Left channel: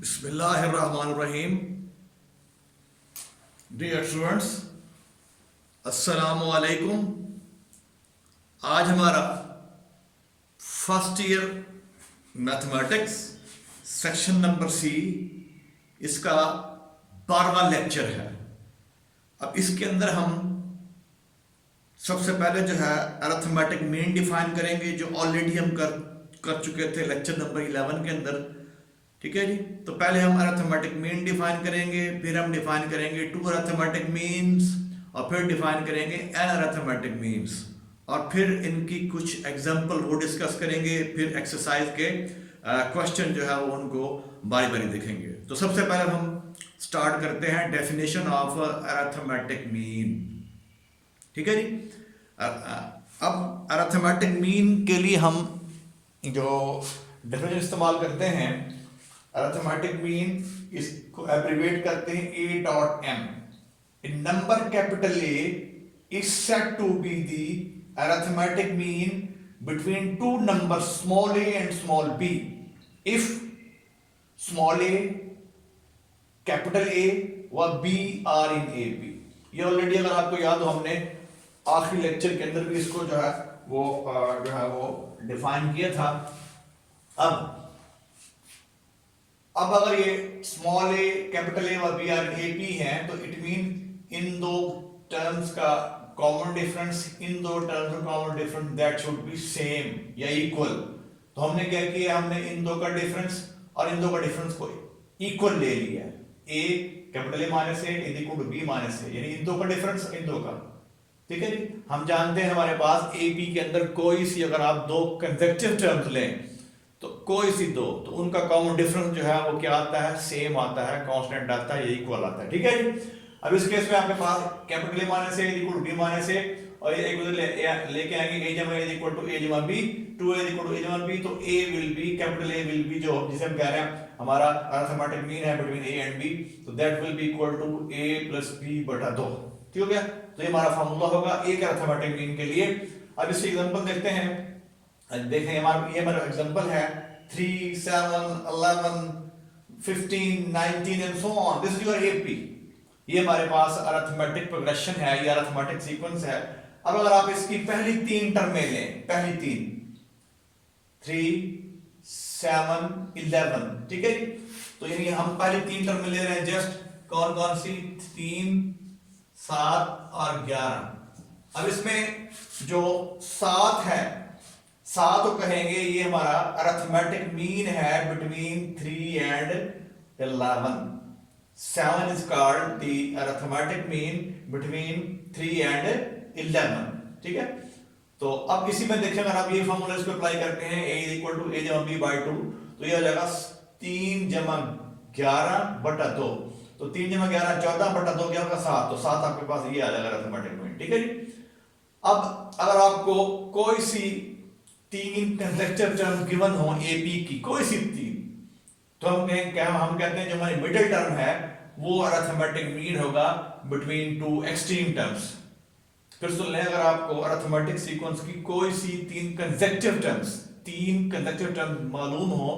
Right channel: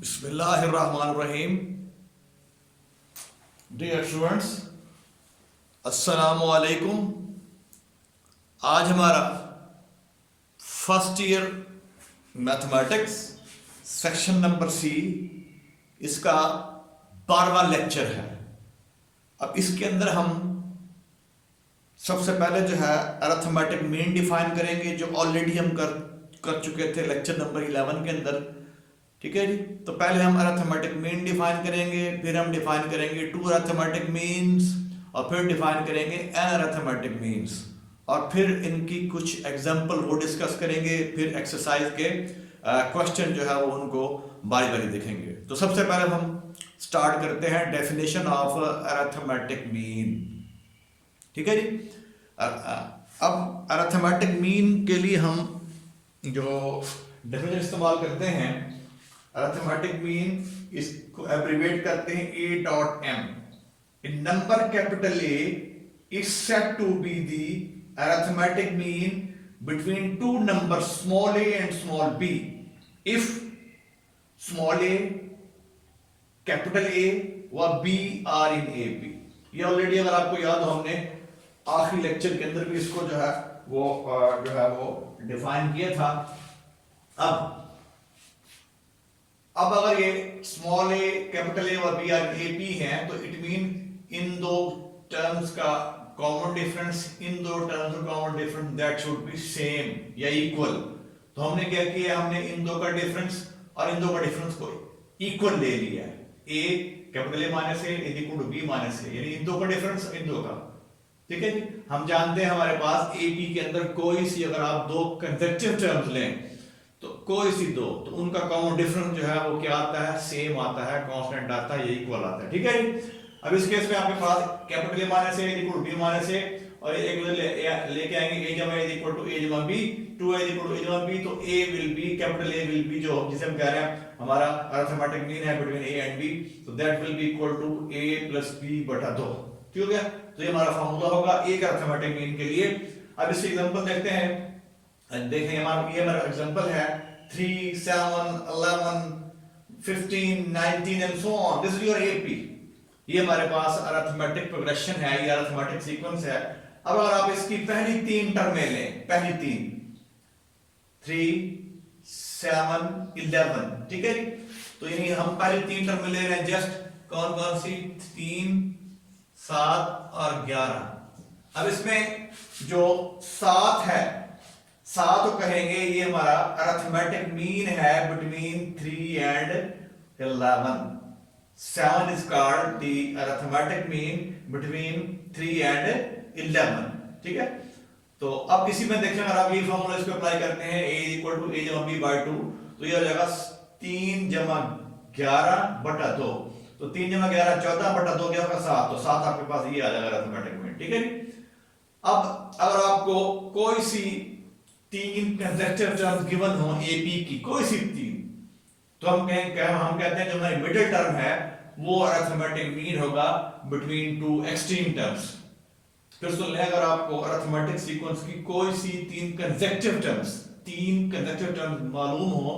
बिस्मिल्लाहिर्रहमानिर्रहीम। Dear students, अस्सलामु अलैकुम। आज हमारा first year mathematics section number C, इसका 12वां लेक्चर है। अब इसके अंदर हम सबसे पहले जो है अरिथमेटिक मीन डिफाइन करेंगे, जो ऑलरेडी हम कर चुके थे लेक्चर नंबर 11 के अंदर। ठीक है जी। तो पहले हम अरिथमेटिक मीन डिफाइन करेंगे, फिर हम डिफाइन करेंगे टू अरिथमेटिक मीन्स, और फिर डिफाइन करेंगे एन अरिथमेटिक मीन्स, और फिर इनकी कुछ एग्जांपल वो डिस्कस करेंगे। फिर एक्सरसाइज के क्वेश्चन जो है वो उनको बारी बारी देखेंगे। तो सबसे पहले हम स्टार्ट करते हैं डेफिनेशन ऑफ अरिथमेटिक मीन। ठीक है जी। अब अरिथमेटिक मीन के लिए हम जो डेफिनेशन इस्तेमाल करते हैं, अरिथमेटिक मीन इसको एब्रीवेट करते हैं A dot M. A number capital A is said to be the arithmetic mean between two numbers small a and small b if small a, capital A व B are in AB। ये already अगर आपको याद हो, हमने आखिरी lecture के अंदर भी इसको जो है वो डिफाइन किया था। अब अगर ये स्मॉल ए, कैपिटल ए और बी आर ए पी हैं, तो इट मीन इन दो टर्म्स का कॉमन डिफरेंस, इन दो टर्म्स का common difference that should be same या इक्वल। तो हमने क्या किया, हमने इन दो का डिफरेंस और इन दो का डिफरेंस को इक्वल ले लिया। A capital A minus A is equal to B minus A, यानी इन दो का डिफरेंस इन दो का। ठीक है जी। हम जानते हैं हमारे पास ए पी के अंदर कोई सी, अगर आप दो कंसेक्यूटिव टर्म्स लें तो कोई सी दो, तो उनका कॉमन डिफरेंस जो है वो क्या आता है, सेम आता है, कांस्टेंट आता है, या इक्वल आता है। ठीक है। अब इस केस में आपके पास capital A minus A equal to B minus A, और ये एक लेके आएंगे ए जमा ए इक्वल टू ए जमा बी, 2a इक्वल टू ए जमा बी। तो a will be, capital A will be, जो जिसे हम कह रहे हैं हमारा अरिथमेटिक मीन है बिटवीन a एंड b, तो that will be equal to a plus b बटा 2। ठीक हो गया। तो ये हमारा फार्मूला होगा एक अरिथमेटिक मीन के लिए। अब इसके एग्जांपल देखते हैं। देखें ये हमारा एग्जांपल है 3, 7, 11, 15, 19 and so on. This is your AP। ये हमारे पास अरिथमेटिक प्रोग्रेशन है, ये अरिथमेटिक सीक्वेंस है। अब अगर आप इसकी पहली तीन टर्में लें, पहली तीन 3, 7, 11, ठीक है। तो यानी हम पहली तीन टर्में ले रहे हैं जस्ट, कौन कौन सी, 3, 7 और 11। अब इसमें जो 7 है, 7 को कहेंगे ये हमारा अरिथमेटिक मीन है between 3 and 11। 7 is called the arithmetic mean between 3 and 11। ठीक है। तो अब इसी में देखें, अगर आप ये फॉर्मूला इसको अप्लाई करते हैं, a इक्वल टू a जमा b बाई 2, तो ये हो जाएगा 3 जमा 11 बटा 2। तो 3 जमा 11 14 बटा 2 क्या होगा, 7। तो 7 आपके पास ये आ जाएगा अरिथमेटिक मीन। ठीक है। अब अगर आपको कोई सी तीन कंसेक्यूटिव टर्म गिवन हो AP की, कोई सी तीन, तो हम कहते हैं जो हमारी मिडिल टर्म है वो अरिथमेटिक मीन होगा बिटवीन टू एक्सट्रीम टर्म्स। फिर सुन लें, अगर आपको अरिथमेटिक सीक्वेंस की कोई सी तीन कंसेक्यूटिव टर्म्स मालूम हो,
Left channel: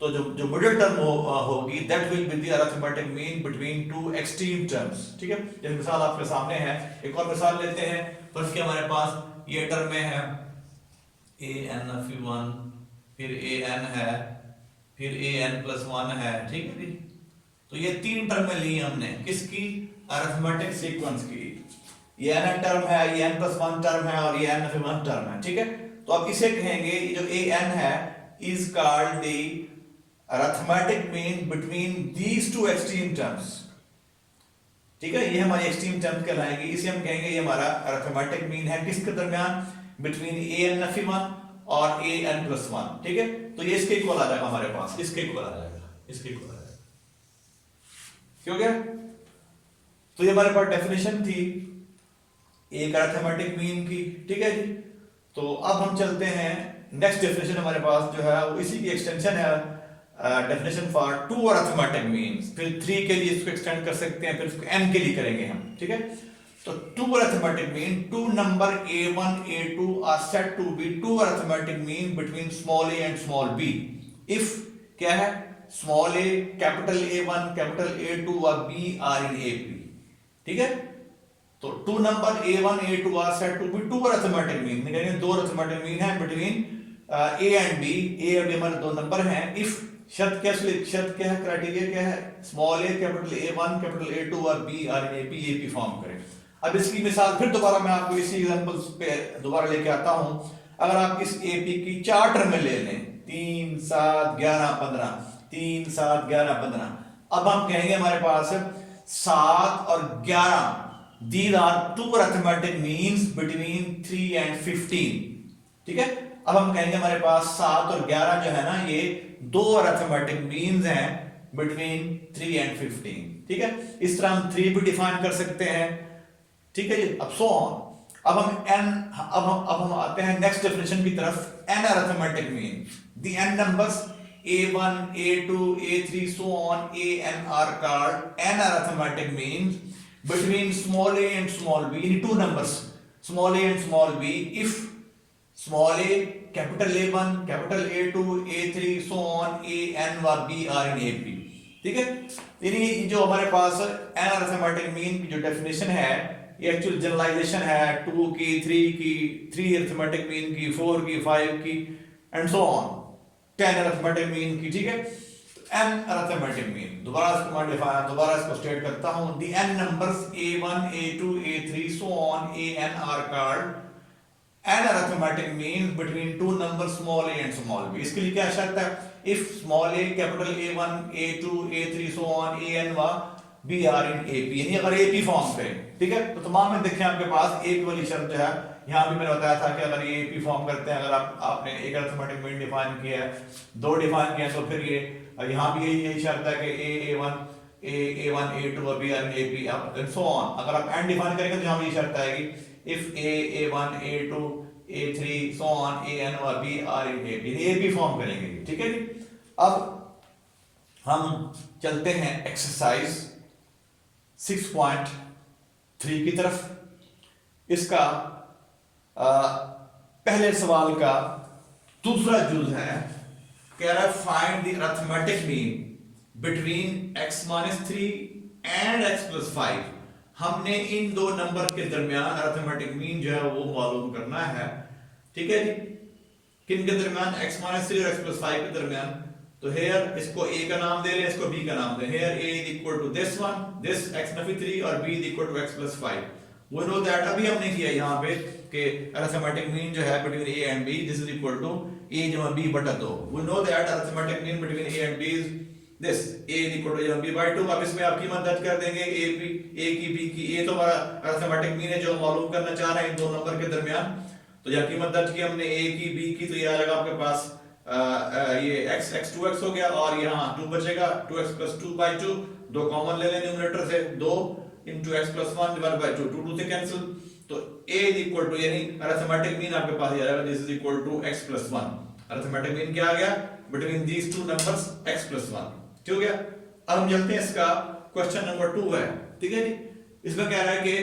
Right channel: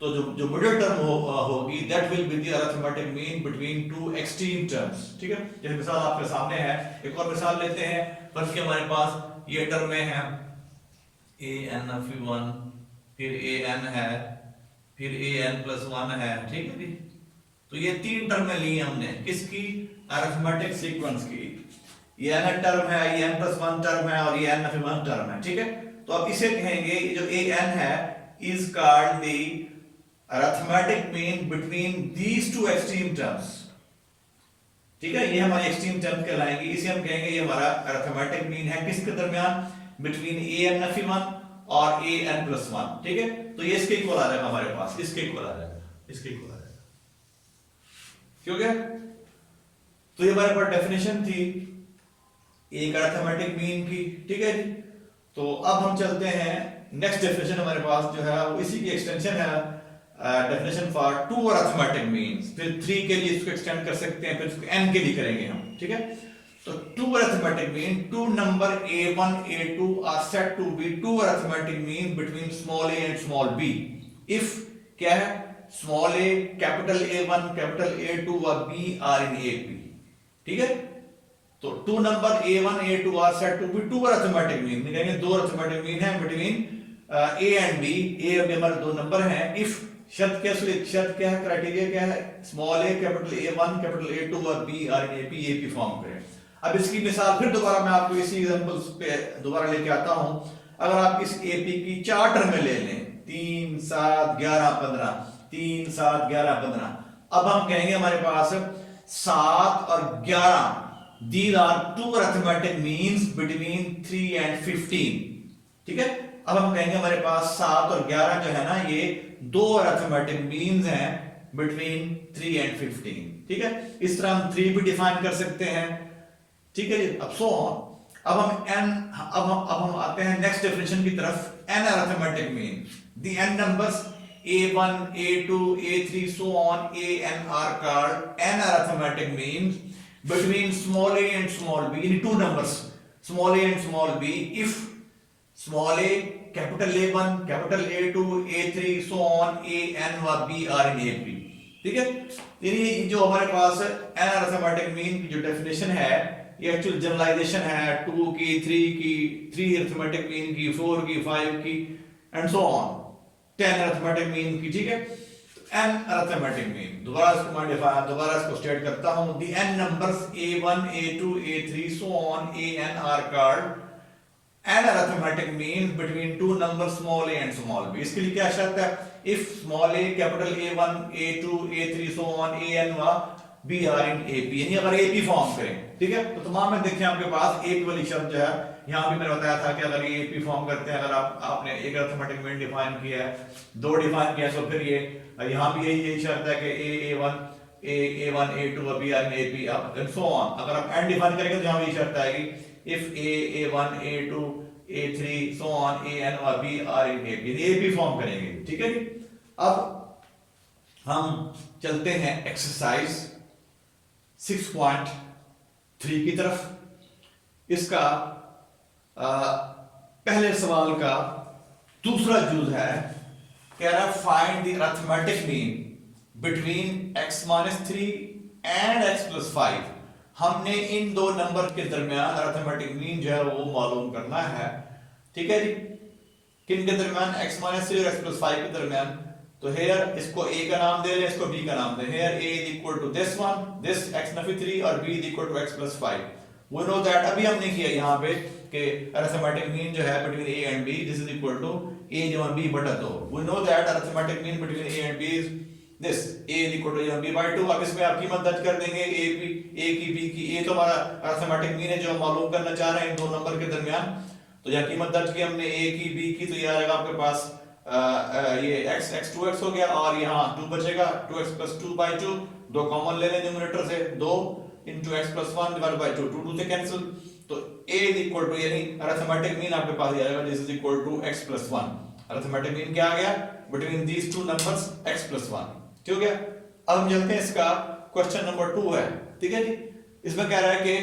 तो जो मिडिल टर्म होगी that will be the arithmetic mean between two extreme terms. ठीक है। जैसे मिसाल आपके सामने है, एक और मिसाल लेते हैं। फर्स्ट के हमारे पास ये टर्म में है an(1), फिर an है, फिर an प्लस 1 है। ठीक है जी। तो ये तीन टर्म ली हमने किसकी, अरिथमेटिक सीक्वेंस की। ये n टर्म है, ये n प्लस 1 टर्म है, और ये n(1) टर्म है। ठीक है। तो अब इसे कहेंगे जो an है is called the arithmetic mean between these two extreme terms. ठीक है। ये हमारी एक्सट्रीम टर्म्स कहलाएंगी। इसे हम कहेंगे ये हमारा अरिथमेटिक मीन है किसके दरमियान, बिटवीन an(1) और an प्लस 1। ठीक है। तो ये इसके इक्वल आ जाएगा हमारे पास, इसके इक्वल आ जाएगा, इसके इक्वल आ जाएगा। ठीक है। तो ये हमारे पास डेफिनेशन थी एक अरिथमेटिक मीन की। ठीक है जी। तो अब हम चलते हैं नेक्स्ट डेफिनेशन, हमारे पास जो है वो इसी की एक्सटेंशन है, definition for two arithmetic means. फिर 3 के लिए इसको एक्सटेंड कर सकते हैं, फिर इसको n के लिए करेंगे हम। ठीक है। तो two arithmetic mean, two number a1 a2 are said to be two arithmetic mean between small a and small b if क्या है, स्मॉल ए कैपिटल A1 कैपिटल A2 और B आर इन AP, ठीक है। तो two number A1 A2 are set to be two arithmetic mean, यानी दो arithmetic mean है between A and B। A और B हमारे दो नंबर हैं। इफ शर्त क्या है, क्राइटेरिया क्या है, स्मॉल ए कैपिटल A1 कैपिटल A2 और B are in AP form करें। अब इसकी मिसाल फिर दोबारा मैं आपको इसी एग्जांपल्स पे दोबारा लेके आता हूं। अगर आप इस AP की 4 टर्म ले लें, 3 7 11 15, 3 7 11 15, अब हम कहेंगे हमारे पास 7 और 11 these are two arithmetic means between 3 and 15, ठीक है। अब हम कहेंगे हमारे पास 7 और 11 जो है ना, ये दो अरिथमेटिक मीन्स हैं बिटवीन 3 एंड 15, ठीक है। इस तरह हम 3 भी डिफाइन कर सकते हैं, ठीक है। अब सो ऑन। अब हम आते हैं नेक्स्ट डेफिनेशन की तरफ। n arithmetic mean, the n numbers A1 A2 A3 so on an are called n arithmetic means between small a and small b, in two numbers small a and small b, if small a capital A1 capital A2 A3 so on a n और b are in AP, ठीक है। यानी जो हमारे पास n arithmetic mean की जो definition है, ये एक्चुअल जनरलाइजेशन है 2 की, 3 की, 3 अरिथमेटिक मीन की, 4 की, 5 की and so on, 10 arithmetic mean की, ठीक है। n अरिथमेटिक मीन, दोबारा इसको स्टेट करता हूं। The n numbers A1 A2 A3 so on an are called n arithmetic means between two numbers small a and small b। इसके लिए क्या शर्त है, if small a capital A1 A2 A3 so on an व b are in AP, यानी अगर AP form करें, ठीक है। तो तमाम में देखें आपके पास AP वाली शर्त जो है, यहाँ भी मैंने बताया था कि अगर ये AP फॉर्म करते हैं, अगर आपने एक अरिथमेटिक मीन डिफाइन किया है, दो डिफाइन किया है, तो फिर ये यहाँ भी यही शर्त है कि A1 A2 और B are in AP and so on। अगर आप n डिफाइन करेंगे तो यहाँ भी शर्त आएगी if A1 A2 A3 so on an और B are in AP, यानी AP फॉर्म करेंगे, ठीक है जी। अब हम चलते हैं एक्सरसाइज 6.3 की तरफ। इसका पहले सवाल का दूसरा यूज है, कह रहा है find the arithmetic mean between x-3 and x+5। हमने इन दो नंबर के दरमियान अरिथमेटिक मीन जो है वो मालूम करना है, ठीक है जी। किन के दरमियान, x-3 और x+5 के दरमियान। तो हेयर इसको a का नाम दे लें, इसको b का नाम दें। Here a is equal to this one, this x-3 और b is equal to x+5। we know that अभी हमने किया यहाँ पे कि अरिथमेटिक मीन जो है between a and b, this is equal to a जमा b बटा 2। we know that arithmetic mean between a and b is this, a is equal to a जमा b by 2। अब इसमें आप कीमत दर्ज कर देंगे a की b की। a तो हमारा अरिथमेटिक मीन है जो हम मालूम करना चाह रहे हैं इन दो नंबर के दरमियान। तो जब कीमत दर्ज की हमने a की b की, तो ये आएगा आपके पास ये x 2x हो गया और यहाँ 2 बचेगा, 2x plus 2 by 2, 2 कॉमन ले लें न्यूमरेटर से, 2 into x plus 1 divided by 2, 2 से कैंसिल। तो a is equal to, यानी अरिथमेटिक मीन आपके पास ये आएगा, this is equal to x plus 1। Arithmetic mean क्या आ गया, between these two numbers x plus 1, ठीक हो गया। अब हम चलते हैं, इसका क्वेश्चन नंबर 2 है, ठीक है जी। इसमें कह रहा है कि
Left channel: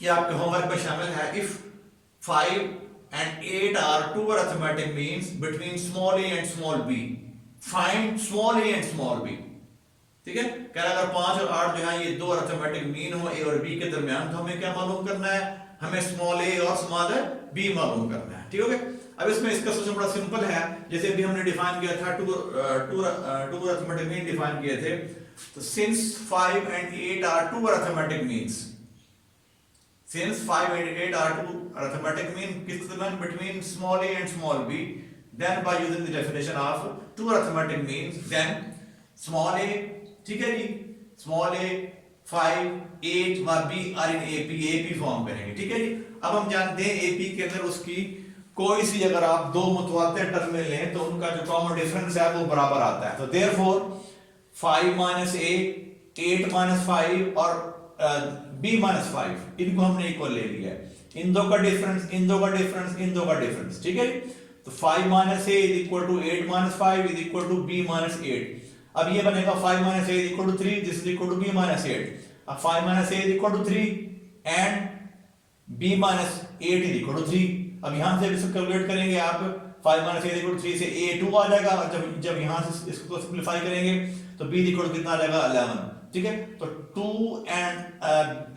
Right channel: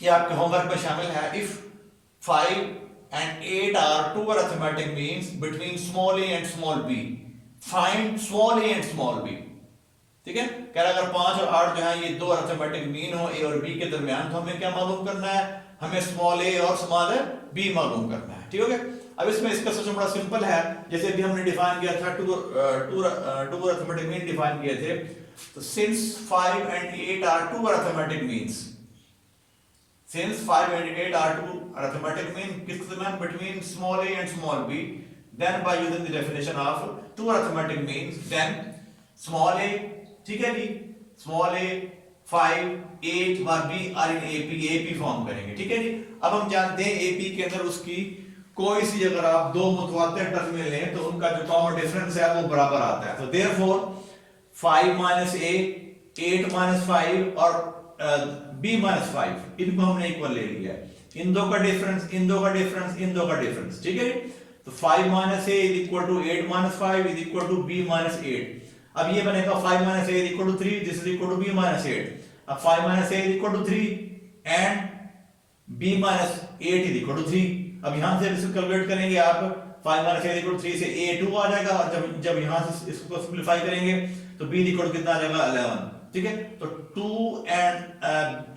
ये आपके होमवर्क में शामिल है, if 5 and 8 are two arithmetic means between small a and small b, find small a and small b, ठीक है। कह रहा है अगर 5 और 8 जो है ये दो अरिथमेटिक मीन हो a और b के दरमियान, तो हमें क्या मालूम करना है, हमें स्मॉल a और स्मॉल b मालूम करना है, ठीक है। अब इसमें इसका सोचना बड़ा सिंपल है। जैसे भी हमने डिफाइन किया था, टू अरिथमेटिक मीन डिफाइन किए थे। तो since 5 and 8 are two arithmetic means, since 5 and 8 are two arithmetic mean किसके दरमियान, between small a and small b, then by using the definition of two arithmetic means, then small a, ठीक है जी, small a 5 8 व b are in AP form करेंगे, ठीक है जी। अब हम जानते हैं AP के अंदर उसकी कोई सी अगर आप दो मुतवातिर टर्म में लें तो उनका जो कॉमन डिफरेंस है वो बराबर आता है। तो देयरफॉर 5 minus a 8 minus 5 और b minus 5 इनको हमने इक्वल ले लिया है। इन दो का डिफरेंस, इन दो का डिफरेंस, इन दो का डिफरेंस, ठीक है। तो 5 minus a is equal to 8 minus 5 is equal to b minus 8। अब ये बनेगा 5 minus a is equal to 3, this is equal to b minus 8। अब 5 minus a is equal to 3 and b minus 8 is equal to 3। अब यहां से इसको calculate करेंगे आप, 5 माइनस ए इक्वल 3 से ए 2 आ जाएगा, और जब यहाँ से इसको सिंप्लीफाई करेंगे तो बी इक्वल कितना आ जाएगा 11, ठीक है। तो 2 एंड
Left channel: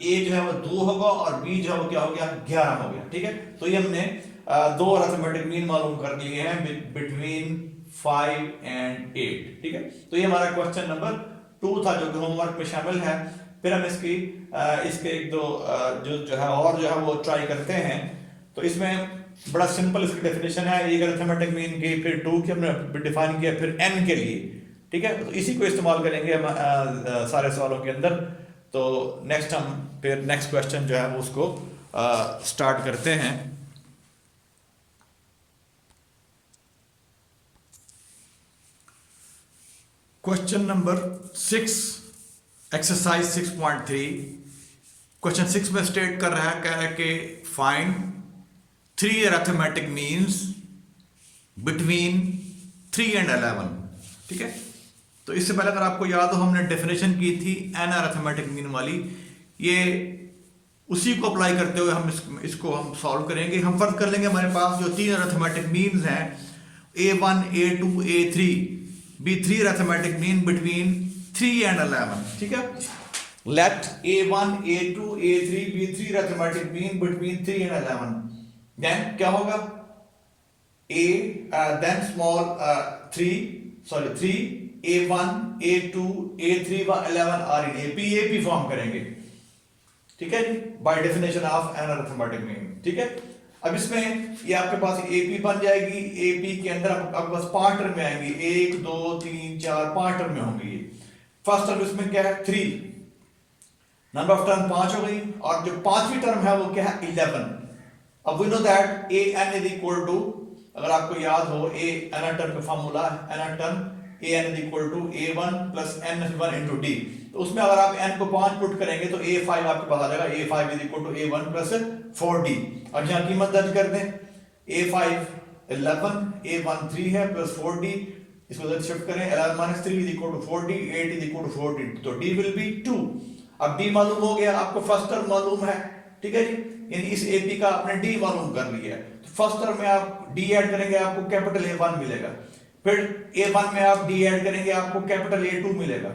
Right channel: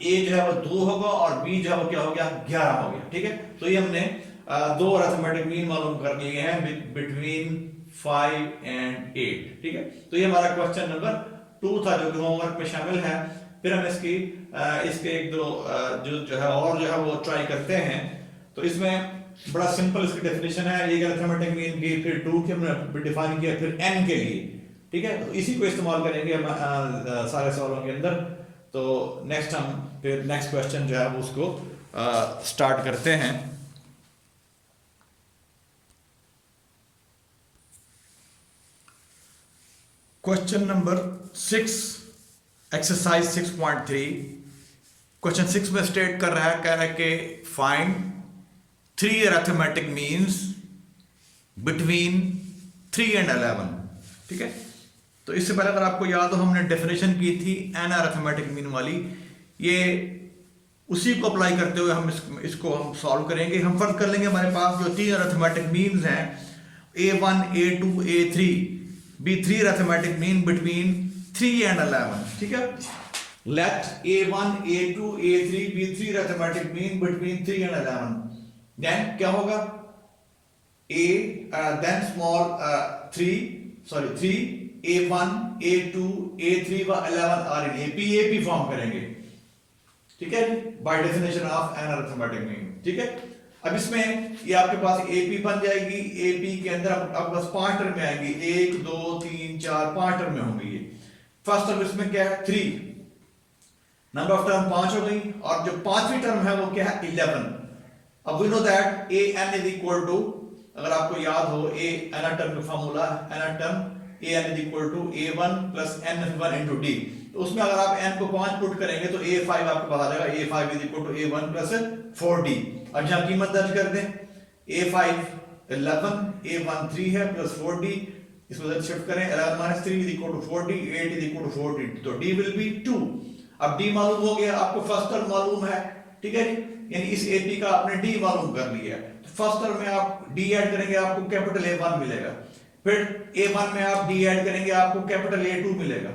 ए जो है वो 2 होगा और बी जो है वो क्या हो गया 11 हो गया, ठीक है। तो ये हमने दो अरिथमेटिक मीन मालूम कर लिए हैं बिटवीन 5 एंड 8, ठीक है। तो ये हमारा क्वेश्चन नंबर 2 था जो कि होमवर्क में शामिल है। फिर हम इसके एक दो जो है और जो है वो ट्राई करते हैं। तो इसमें बड़ा सिंपल इसकी डेफिनेशन है, एक अरिथमेटिक मीन की, फिर 2 की हमने डिफाइन किया, फिर n के लिए, ठीक है। तो इसी को इस्तेमाल करेंगे हम सारे सवालों के अंदर। तो नेक्स्ट क्वेश्चन जो है वो उसको स्टार्ट करते हैं। Question number 6, exercise 6.3। क्वेश्चन 6 में स्टेट कर रहा है, कह रहा है कि find 3 arithmetic means between 3 and 11, ठीक है। तो इससे पहले अगर आपको याद हो हमने डेफिनेशन की थी एन अरिथमेटिक मीन वाली, ये उसी को अप्लाई करते हुए हम इसको हम सॉल्व करेंगे। हम फर्ज कर लेंगे हमारे पास जो 3 अरिथमेटिक मीन्स हैं A1, A2, A3 be 3 arithmetic mean between 3 and 11, ठीक है। Let A1, A2, A3 be 3 arithmetic mean between 3 and 11. Then क्या होगा? Then small 3 A1, A2, A3 व 11 are in AP फॉर्म करेंगे, ठीक है, by definition of an arithmetic mean, ठीक है। अब इसमें ये आपके पास AP बन जाएगी। AP के अंदर अब बस 5 टर्म में आएंगी, 1 2 3 4 5 टर्म में होंगे ये। फर्स्ट टर्म इसमें क्या है 3, नंबर ऑफ टर्म 5 हो गई, और जो पांचवी टर्म है वो क्या है 11। अब we know that AN is equal to, अगर आपको याद हो AN टर्म का formula, AN term AN is equal to A1 plus N1 into D। तो उसमें अगर आप n को 5 पुट करेंगे तो A5 आपके पास आ जाएगा, A5 is equal to A1 plus 4D। अब यहाँ कीमत दर्ज कर दें, A5 11, A1 3 है प्लस 4D, इसको जब शिफ्ट करें 11 minus 3 is equal to 4D, 8 is equal to 4D, तो D विल बी 2। अब D मालूम हो गया, आपको फर्स्ट टर्म मालूम है, ठीक है, यानी इस AP का आपने D मालूम कर लिया। तो फर्स्ट टर्म में आप D ऐड करेंगे आपको कैपिटल A1 मिलेगा, फिर A1 में आप D ऐड करेंगे आपको कैपिटल A2 मिलेगा,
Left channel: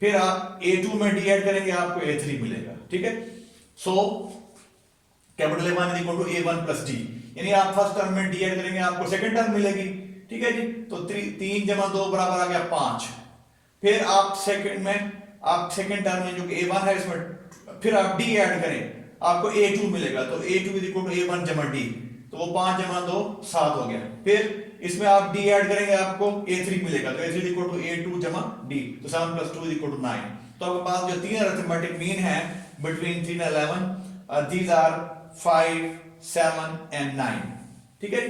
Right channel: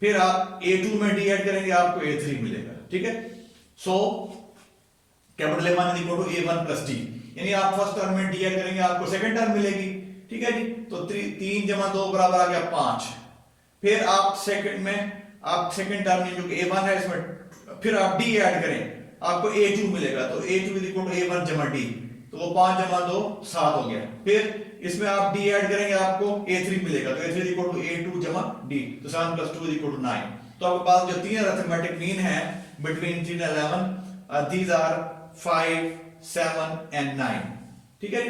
फिर आप A2 में D ऐड करेंगे आपको A3 मिलेगा, ठीक है। So capital A1 is equal to A1 plus D, यानी आप फर्स्ट टर्म में D ऐड करेंगे आपको सेकंड टर्म मिलेगी, ठीक है जी। तो 3 जमा 2 बराबर आ गया 5। फिर आप सेकंड टर्म में जो कि A1 है इसमें फिर आप D ऐड करें आपको A2 मिलेगा, तो A2 is equal to A1 जमा D, तो वो 5 जमा 2 7 हो गया। फिर इसमें आप D ऐड करेंगे आपको A3 मिलेगा, तो A3 इक्वल टू A2 जमा D, तो 7 प्लस 2 इक्वल टू 9। तो आपके पास जो 3 अरिथमेटिक मीन है between 3 and 11, these are 5, 7 and 9, ठीक है।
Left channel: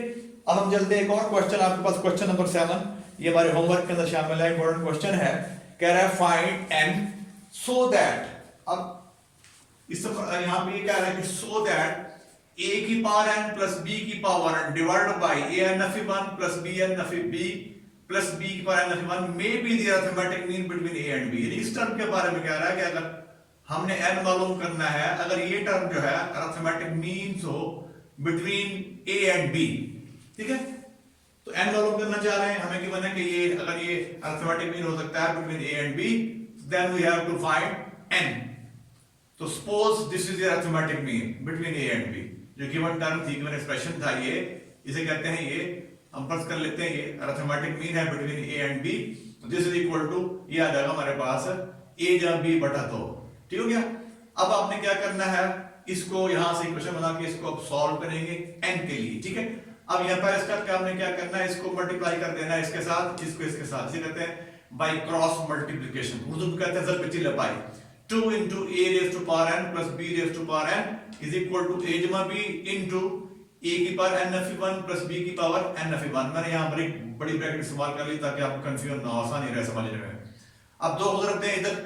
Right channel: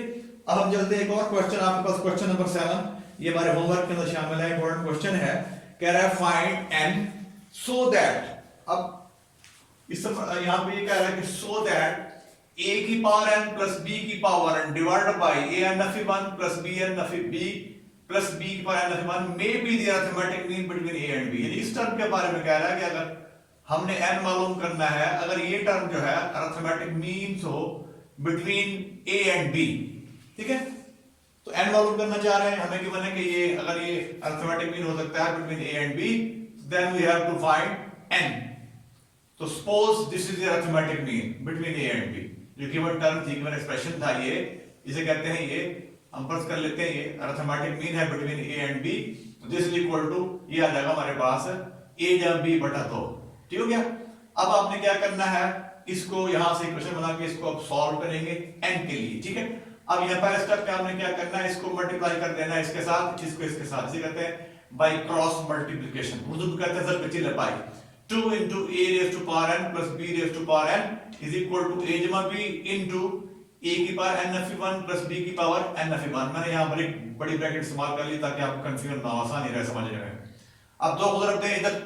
अब हम चलते हैं एक और क्वेश्चन, आपके पास क्वेश्चन नंबर 7, ये हमारे होमवर्क के अंदर शामिल है, इंपॉर्टेंट क्वेश्चन है। कह रहा है फाइंड n so that, अब इस यहाँ पे ये कह रहा है कि so that a की पावर n प्लस b की power n divided by a n of 1 plus b n of b plus b की power n of 1 may be the arithmetic mean between a and b। यानी इस term के बारे में कह रहा है कि अगर हमने n मालूम करना है, अगर ये टर्म जो है arithmetic means हो between a and b, ठीक है, तो n मालूम करना चाह रहे हैं हमें, कि बना कि ये अगर ये arithmetic mean हो सकता है between a and b, then we have to find n। तो suppose this is the arithmetic mean between a and b, जो गिवन टर्म थी, गिवन एक्सप्रेशन था, ये इसे कहते हैं, ये हम फर्ज कर लेते हैं ये अरिथमेटिक मीन है बिटवीन a एंड b, तो दिस इज इक्वल टू, ये आ जाएगा हमारे पास a जब b बटा 2, ठीक हो गया। अब आपने क्या करना है, इसको यहां से इक्वेशन बना के इसको अब सॉल्व करेंगे n के लिए, ठीक है। अब यहाँ पहले स्टेप क्या आपने क्या करना है, इसको मल्टीप्लाई कर देना है इसके साथ, इसको इसके साथ, इसे कहते हैं बाय क्रॉस मल्टीप्लिकेशन, उर्दू में कहते हैं जल पिचिल bye 2 into a raised to power n plus b raised to power n is equal to a जमा b into a की power n of 1 plus b की पावर n of 1। मैंने यहाँ बड़ी ब्रैकेट इस्तेमाल कर ली ताकि आपको कंफ्यूजन ना हो, आसानी रहे समझने में। अब दो को रखते हैं इधर,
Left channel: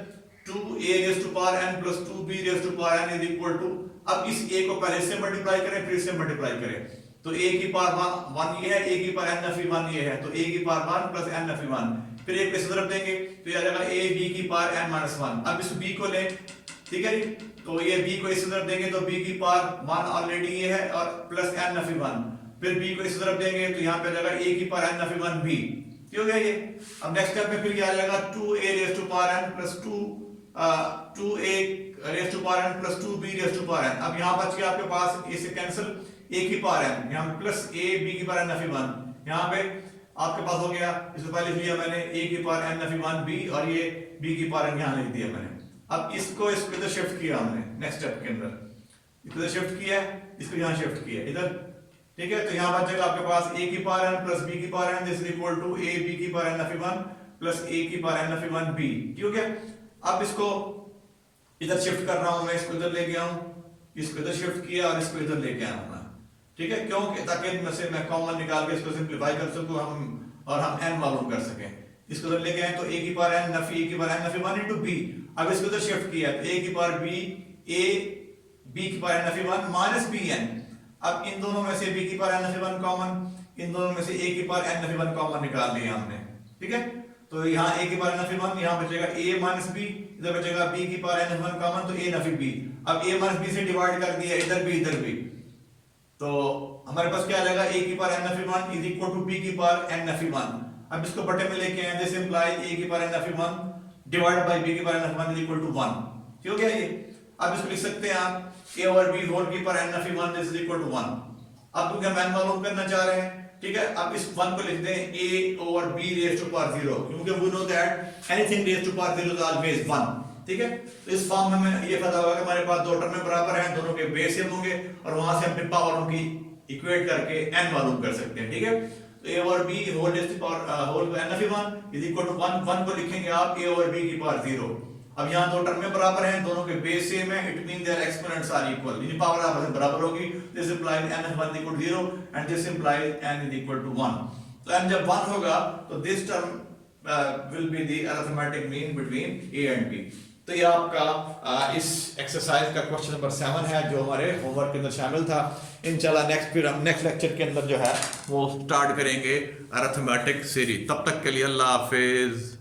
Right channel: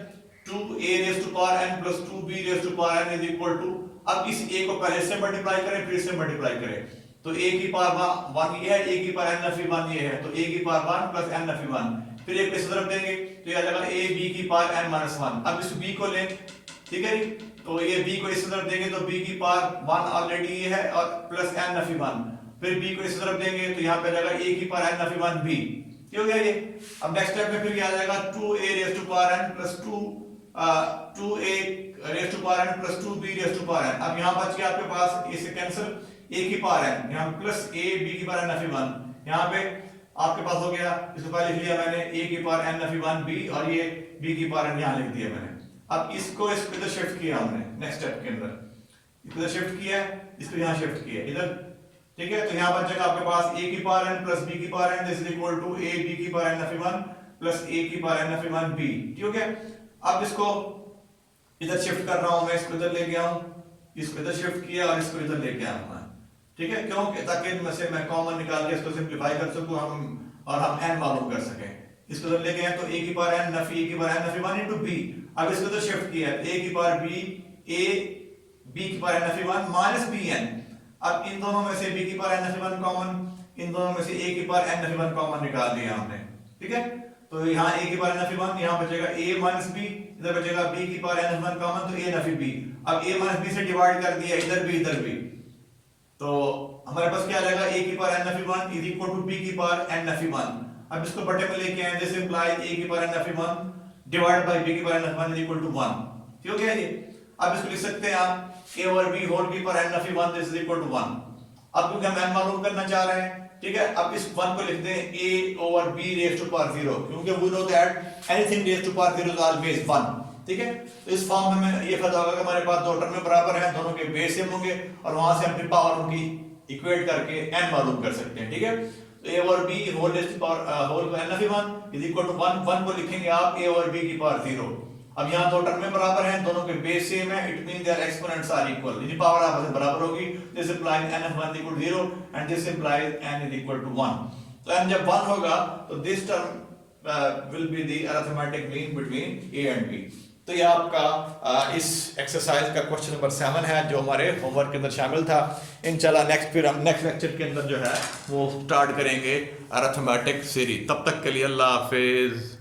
2a raised to power n plus 2b raised to power n is equal to, अब इस a को पहले से मल्टीप्लाई करें फिर इससे मल्टीप्लाई करें, तो a की पावर 1 ये है, a की पावर n of 1 ये है, तो a की पावर 1 plus n of 1, फिर एक इस तरफ देंगे तो ये आ जाएगा a b की पावर n minus 1। अब इस b को लें, ठीक है, तो ये b को इस तरफ देंगे तो b की पावर 1 ऑलरेडी ये है और प्लस n of 1, फिर b को इस तरफ देंगे तो यहाँ पे आ जाएगा a की पावर n ऑफ 1 b, हो गया ये। अब नेक्स्ट स्टेप में फिर क्या आ जाएगा 2a raise to power n plus 2a raise to power n plus 2b raise to power n। अब यहाँ बच गया आपके पास, इसे कैंसिल, a की पावर n यहाँ प्लस a b की पावर n ऑफ 1, यहाँ पे आपके पास हो गया, इसको पहले लिख लिया मैंने a की पावर n ऑफ 1 b और ये b की पावर n यहाँ लिख दिया मैंने। अब इसको इस इधर शिफ्ट किया हमने नेक्स्ट स्टेप के अंदर, इसको इधर शिफ्ट किया, इसको यहाँ शिफ्ट किया इधर, ठीक है। तो यहाँ बच जाएगा आपके पास a की पावर n प्लस b की power n this is equal to a b की power n of 1 plus a की पावर n ऑफ 1 b, ठीक है। अब इसको इधर शिफ्ट कर रहा हूं मैं, इसको इधर ले गया हूं, इसको इधर शिफ्ट किया और इसको इधर लेके आया मैं, ठीक है। क्यों? ताकि इनमें से मैं कॉमन निकाल के इसको सिंपलीफाई कर सकूं हम और हम n मालूम कर सकें। इसको इधर लेके आए तो a की पावर n नफी a की पावर n नफी 1 into b। अब इसको इधर शिफ्ट किया तो a की पावर b a b की पावर n नफी 1 माइनस bn। अब इन दोनों में से b की पावर n नफी 1 कॉमन, इन दोनों में से a की पावर n नफी 1 कॉमन निकाल दिया हमने, ठीक है। तो यहाँ a की पावर n नफी 1, यहाँ बचेगा a माइनस b, इधर बचेगा b की पावर n नफी 1 कॉमन तो a नफी b। अब a माइनस b से डिवाइड कर दिया, इधर भी तो हमारे पास क्या आ जाएगा a की पावर n नफी 1 इज इक्वल टू b की पावर n नफी 1। अब इसको बटे में लेके आए, दिस इंप्लाइज a की पावर n नफी 1 डिवाइड बाय b की पावर n नफी 1 इज इक्वल टू 1, ठीक हो गया ये। अब इसको लिख सकते हैं आप a ओवर b होल की पावर n नफी 1 दिस इज इक्वल टू 1। अब क्योंकि हम n मालूम करना चाह रहे हैं, ठीक है। अब इस 1 को लिख दें a over b raise to power 0, क्योंकि we know that anything raise to power 0 is always 1, ठीक है। तो इस फॉर्म में ये फायदा होगा कि हमारे पास दो टर्म बराबर हैं, दोनों के बेस सेम होंगे और वहां से हम फिर पावर उनकी इक्वेट करके n मालूम कर सकते हैं, ठीक है। तो a over b whole raise to power whole n नफी 1 इज इक्वल टू 1 को लिखेंगे आप a ओवर b की पावर 0। अब यहाँ दो टर्म बराबर हैं, दोनों के बेस सेम है, it mean their exponents are equal, यानी पावर आपस में बराबर होगी। This implies n of 1 equal to 0 and this implies n is equal to 1। तो n जब 1 होगा तो this term will be the arithmetic mean between a and b। तो ये आपका इस एक्सरसाइज का क्वेश्चन नंबर 7 है जो हमारे होमवर्क के अंदर शामिल था। इंशाल्लाह नेक्स्ट लेक्चर के अंदर जो है वो स्टार्ट करेंगे अरिथमेटिक सीरीज। तब तक के लिए अल्लाह हाफिज।